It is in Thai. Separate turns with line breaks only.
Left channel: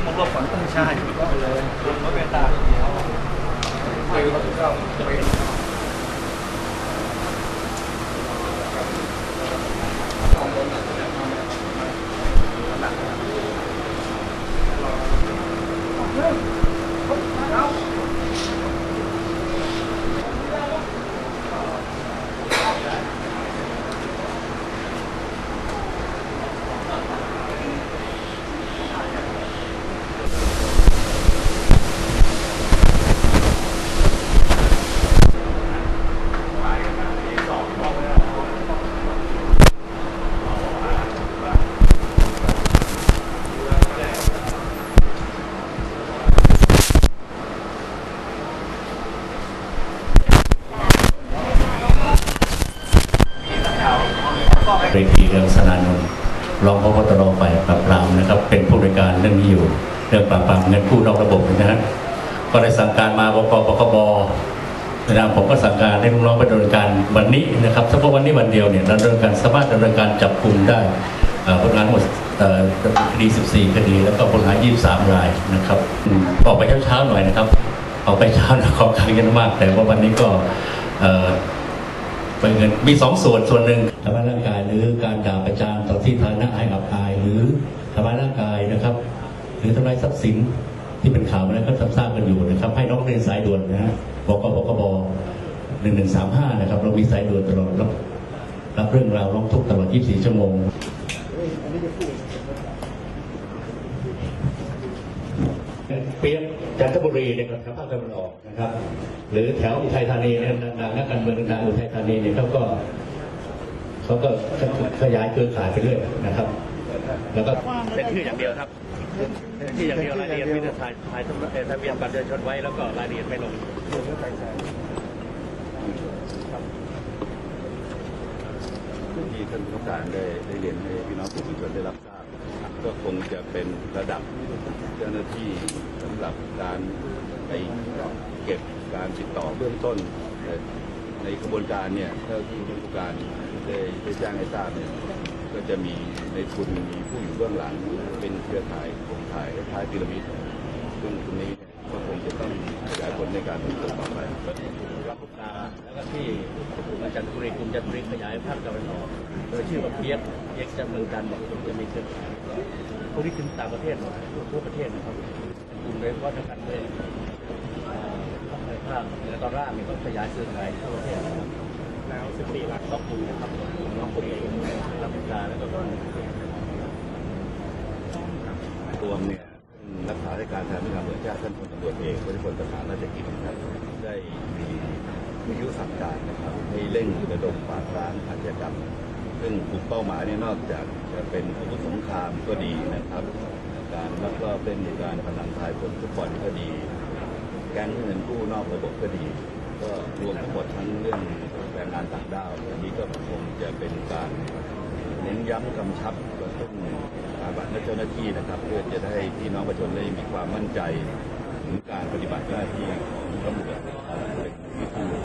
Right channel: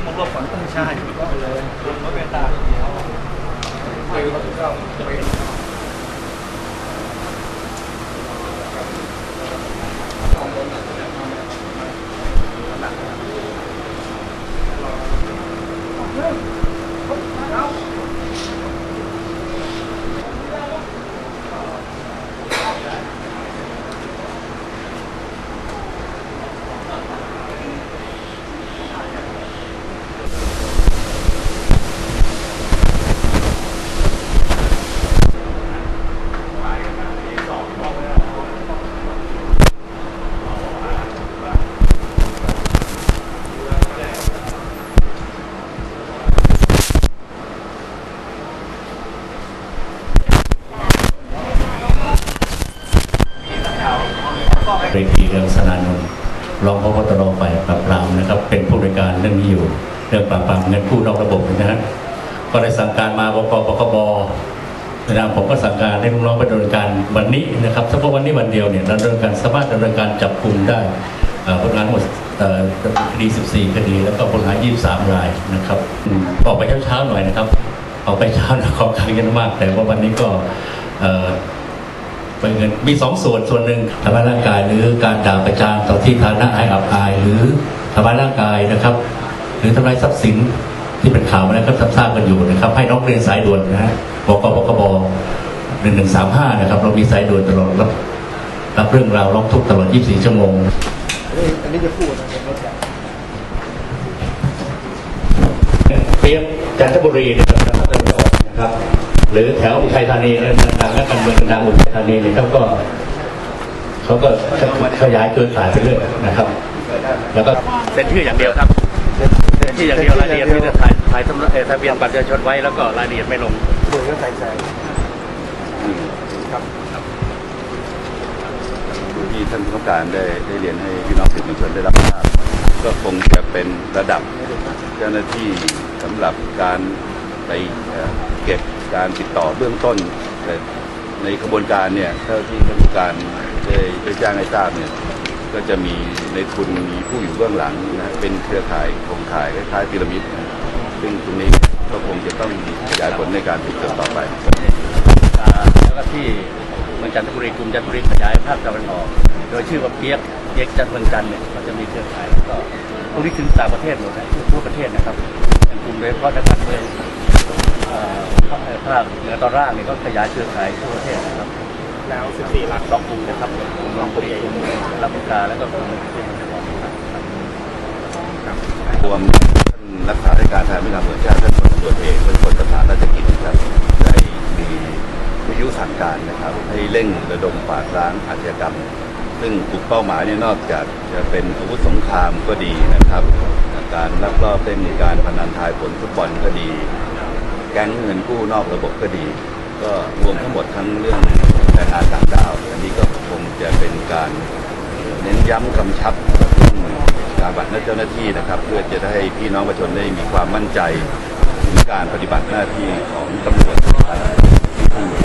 งของเราฝันต้องใช่ถูกต้องเลยคนก็เป็นตาเดียวคือเราถูกต้องเป็
เรกีเรืองสนานนท์รองพบตรฝ่ายปราบปรามนะครับ เป็นผู้บริการเรื่องนี้อยู่ เรื่องปราบปรามเงินกู้นอกระบบนะฮะก็ได้สั่งการมาบกปคบนะครับผมก็สั่งการให้ลูกน้องไปดำเนินการวันนี้นะครับเฉพาะวันนี้วันเดียวเนี่ยดำเนินการสามารถดำเนินการจับกลุ่มได้ผลงานหมดคดี 14 คดี แล้วก็ผลงาน23 รายนะครับออกไปเช้าๆหน่อยนะครับออกไปเช้าขอการกันมาก แต่ว่าวันนี้ก็ เป็นเงินมีสองส่วนส่วนหนึ่งทำร้ายร่างกายหรือการด่าประจานต่อที่ฐานะอายอับอาย หรือทำร้ายร่างกายนะครับ หรือทำลายทรัพย์สินที่เป็นข่าวมาแล้วก็ทราบกันอยู่นะครับ ให้น้องเรียนสายด่วนนะฮะบกบกบหนึ่งหนึ่งสามห้านะครับ เรามีสายด่วนตลอดรับรับเรื่องราวร้องทุกข์ตลอด 24 ชั่วโมง
อันนี้จะพูดเป็นรถใหญ่
เพียบจันทบุรีนะครับนะครับ หรือแถวอุทัยธานีเนี่ยดังๆและการเมืองดังๆอุทัยธานีเนี่ยเขาก็เขาก็ขยายเครือข่ายไปเรื่อยนะครับ แล้วก็เซ็นชื่ออย่างเดียวครับเซ็นชื่ออย่างเดียวรายละเอียดมีแต่ถ่ายถ่ายทะเอ่อทะเบียนบัตรประชาชนไว้แล้วก็รายละเอียดไม่ลง
โดยก็ใส่ใส่ครับ
ที่ท่านผู้ต้องการได้ได้เรียนให้พี่น้องสื่อมวลชนได้รับทราบก็คงจะเป็นระดับเจ้าหน้าที่สำหรับการ ไปเก็บการติดต่อเบื้องต้น แต่ในกระบวนการเนี่ยเท่าที่ท่านผู้การได้ได้แจ้งให้ทราบเนี่ยก็จะมีในทุนมีผู้อยู่เบื้องหลังนะเป็นเครือข่ายโครงข่ายคล้ายๆพีระมิดนะซึ่งตรงนี้ก็คงจะต้องขยายผลในการสืบสวนต่อไป
แล้วก็ที่เมืองจันทบุรีกลุ่มจันทบุรีขยายภาคตะวันออก โดยชื่อว่าเปียกเปียกจันทร์เมืองจันทร์เนี่ยก็จะมีเครือข่ายแล้วก็พวกนี้ถึงต่างประเทศหมดนะทั่วทั่วประเทศนะครับเป็นกลุ่มโดยเฉพาะนักการเมืองเอ่อภาคภาคเหนือ ตอนล่างเนี่ยก็ขยายเครือข่ายทั่วประเทศนะครับ
แล้ว 14หลัก
สองกลุ่มนะครับกลุ่มลำพูนกลุ่มลำพูกาแล้วก็กลุ่มเทพนครครับ
รวมท่านรักษาราชการแทนผู้นำส่วนชาติท่านพลตำรวจเอกเป็นคนประธานราชกิจนะครับได้มีวิทยุสั่งการนะครับ ให้เร่งระดมปราบล้างอาชญากรรม ซึ่งกลุ่มเป้าหมายเนี่ยนอกจากจะเป็นอาวุธสงครามก็ดีนะครับ การลักลอบเล่นการพนันทายผลฟุตบอลก็ดี แก๊งเงินกู้นอกระบบก็ดี ก็รวมทั้งหมดทั้งเรื่องแรงงานต่างด้าวอันนี้ก็คงจะเป็นการเน้นย้ำกำชับกระตุ้นการบัตรเจ้าหน้าที่นะครับ เพื่อจะได้พี่น้องประชาชนได้มีความมั่นใจในการปฏิบัติหน้าที่ของตำรวจ